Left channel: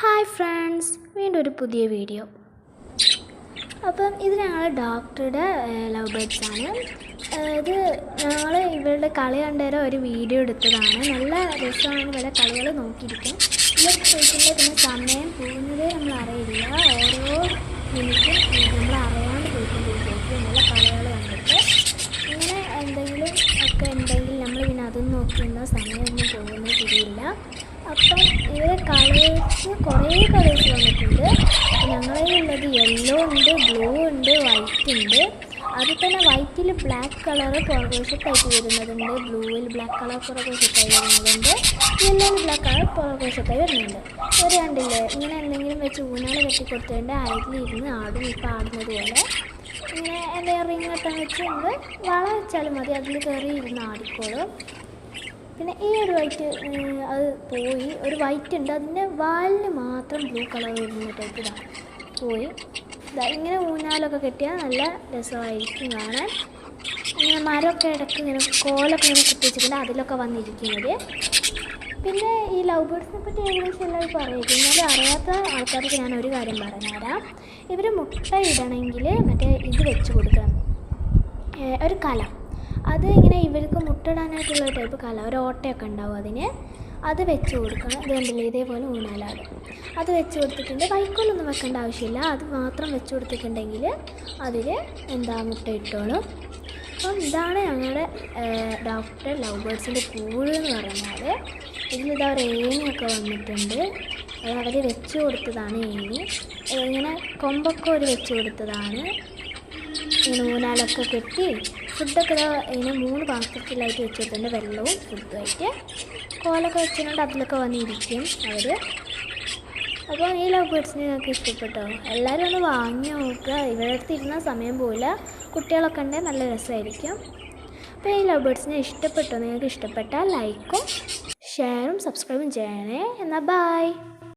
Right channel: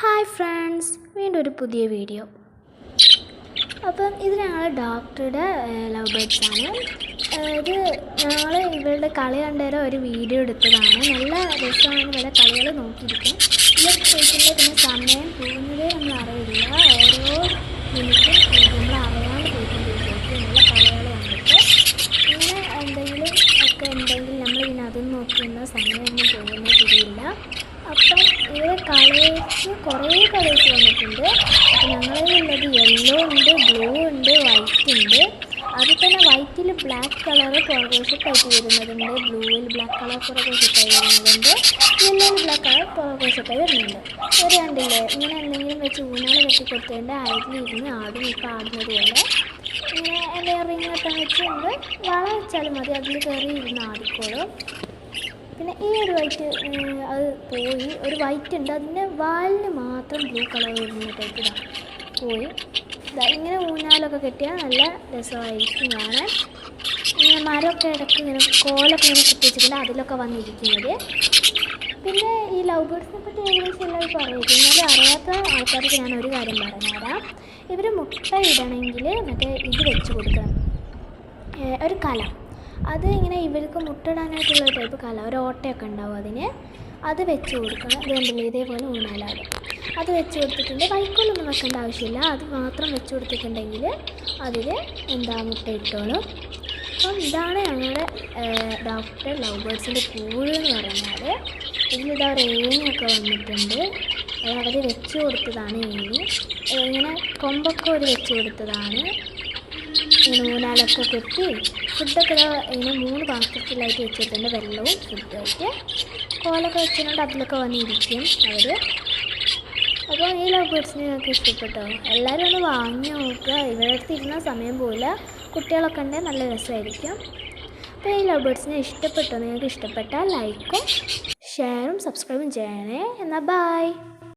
Hi friends, വീണ്ടും ഒരു പുതിയ വീഡിയോ. അപ്പം ഇത് ഞങ്ങൾ ഡോക്ടറുടെ ലവ് ബേർഡ്സ് ആണ്. ഇത് ഞങ്ങൾ ഇവരുടെ കളി കണ്ടേരം ഒരു വീഡിയോ എടുത്തതാണ്. നല്ല രസമാണ് ഇവരുടെ കളികൾ നോക്കിയിരിക്കും. ഇവർ ചോദിക്കുമ്പോൾ പിന്നെ സമയം പോകുന്നതേ നമ്മൾ അറിയില്ല. ഓരോ മിനിറ്റും നമ്മൾ അറിയാണ്ട് പോയിക്കൊണ്ടിരിക്കും നല്ല കളികൾ കണ്ടിട്ട്. ഇങ്ങനെ എന്തെങ്കിലും ഒക്കെ ഉണ്ടെങ്കിൽ നമ്മൾ പിന്നെ അതും നോക്കുന്ന സമയമൊന്നും പോകുന്നത് തിരിയില്ല. അപ്പം ഇവരെ കളേഴ്സ് കുറേ കളേഴ്സ് വന്നിട്ടുണ്ട്. ഞങ്ങളിലുള്ളത് യെല്ലോ ഉണ്ട്, ബ്ലൂ ഉണ്ട്, വൈറ്റ് ഉണ്ട്. അതിൽ തന്നെ വൈറ്റിൽ ബ്ലാക്ക് കളർ പുറകോശത്തായിട്ട് വരുന്നതുണ്ട്, ബ്ലൂവിൽ ബ്ലാക്ക് കളർ പുറകോശത്തായി വരുന്നതുണ്ട്, യെല്ലോയിൽ ബ്ലാക്ക് കളർ പുറകോശത്തായി വരുന്നുണ്ട്. ഒരു കണ്ടില്ലേ, ഇങ്ങനെ എന്തെങ്കിലും വെച്ച് ഊനാൾ കെട്ടി കൊടുത്തതിൻ്റെ അയലിരുന്ന് ആടും. ഇപ്പോൾ ആടുന്നത് പോലെ ഇങ്ങനെ എൻ്റെ റിങ്ങൊക്കെ വെച്ച് നമ്മൾ വള വെച്ചാലും മതി, അതിൽ കയറി ഇരുന്ന് ആടിക്കോളും. പിന്നെ ഈ ഒരു വൈറ്റ് അത് പോയി, ഒരു വൈറ്റ് ഉണ്ട്, അതിൻ്റെ വാലിന് മാത്രം ബ്ലൂ കളർ വരുന്ന ടൈപ്പ് ഇതാണ് പോയി. ഇങ്ങനെ ഊഞ്ഞാലൊക്കെ കെട്ടിയാൽ നല്ല രസമായിരിക്കും കാണാൻ. ഇങ്ങനെ മരമൊക്കെ ഇടയ്ക്ക് ഇങ്ങനെ കോലൊക്കെ ഇങ്ങനെ കുത്തി വെച്ചിട്ടുണ്ട്, അതിലൊക്കെ വന്നിരിക്കുന്നത്. പിന്നെ ഈ ലവ് ബേർഡ്സിനെ പറ്റി ഏകദേശം എല്ലാവരും പറയുന്നത്. എന്നാലും അറിയാത്ത ആൾക്കാർക്ക് ഞാൻ ഒരു കാര്യം പറഞ്ഞുതരാം. ഇവർ മുട്ട ഇടണമെങ്കിൽ മറ്റേ ഇത് വെച്ച് കൊടുക്കണം, ഒരു കലം. അത് ഇങ്ങനെ ഇവർക്ക് മുട്ടയിടാനായിട്ടുള്ള ടൈപ്പ് കല, ഒരു ഓട്ടയൊക്കെ ഉണ്ടാവും അതിന്. അത് വെച്ച് കൊടുക്കണം. ഇത് കണ്ടില്ലേ, ഇതേപോലെ ഊണാലാടും. അത് വെച്ച് കൊടുത്തിട്ടുണ്ട്. വൈക്കോലൊന്നും വെക്കേണ്ട ആവശ്യമില്ല, അത് മാത്രം വെച്ച് കൊടുത്തിട്ടുണ്ടെങ്കിൽ അതിൽ മുട്ട ഇട്ടോളും. അപ്പം ഇതാണ് ഞങ്ങളുടെ ഡോക്ടർ ലവ് ബേർഡ്സിൻ്റെ കൂട് എന്ന് പറഞ്ഞാൽ. ഇതിലിതാ ഒരു ഏണിയൊക്കെ വന്നിട്ടുണ്ട്, അത് അവർ വെച്ച് കൊടുത്തതാണ് ഏണി. ഇങ്ങനെ കൊമ്പൊക്കെ ഒരു വെച്ച് കൊടുത്തതാണ്. ഇങ്ങനെ ഊനാലൊക്കെ കെട്ടി ഫുഡൊക്കെ ഇങ്ങനെ 3 പാത്രത്തിലായിട്ട് വെച്ചിട്ടുണ്ട്, വെള്ളവും ഫുഡുമായിട്ട്. കോലൊക്കെ വെച്ചിട്ടുണ്ട്, അതിലൊക്കെ വന്നിരിക്കും അവർ. അപ്പോൾ ഈ ലവ് ബേർഡ്സിനെ നിങ്ങൾക്ക് ഇഷ്ടപ്പെട്ടോ? എല്ലാവരും ഒന്ന് വാങ്ങി നോക്കുക. ഇവരുടെ അടുത്ത് ഇരുന്ന സമയം പോലെ കുട്ടികളൊക്കെ ഉണ്ടെങ്കിൽ നല്ല രസമായിരിക്കും. അപ്പോൾ ഈ ലവ് ബേർഡ്സിനെ ഇഷ്ടപ്പെട്ടോ? നിങ്ങൾക്ക് ഇഷ്ടപ്പെട്ടാൽ ലൈക്കും ഷെയറും സബ്സ്ക്രൈബും ചെയ്യണേ. എന്നാൽ ബൈ.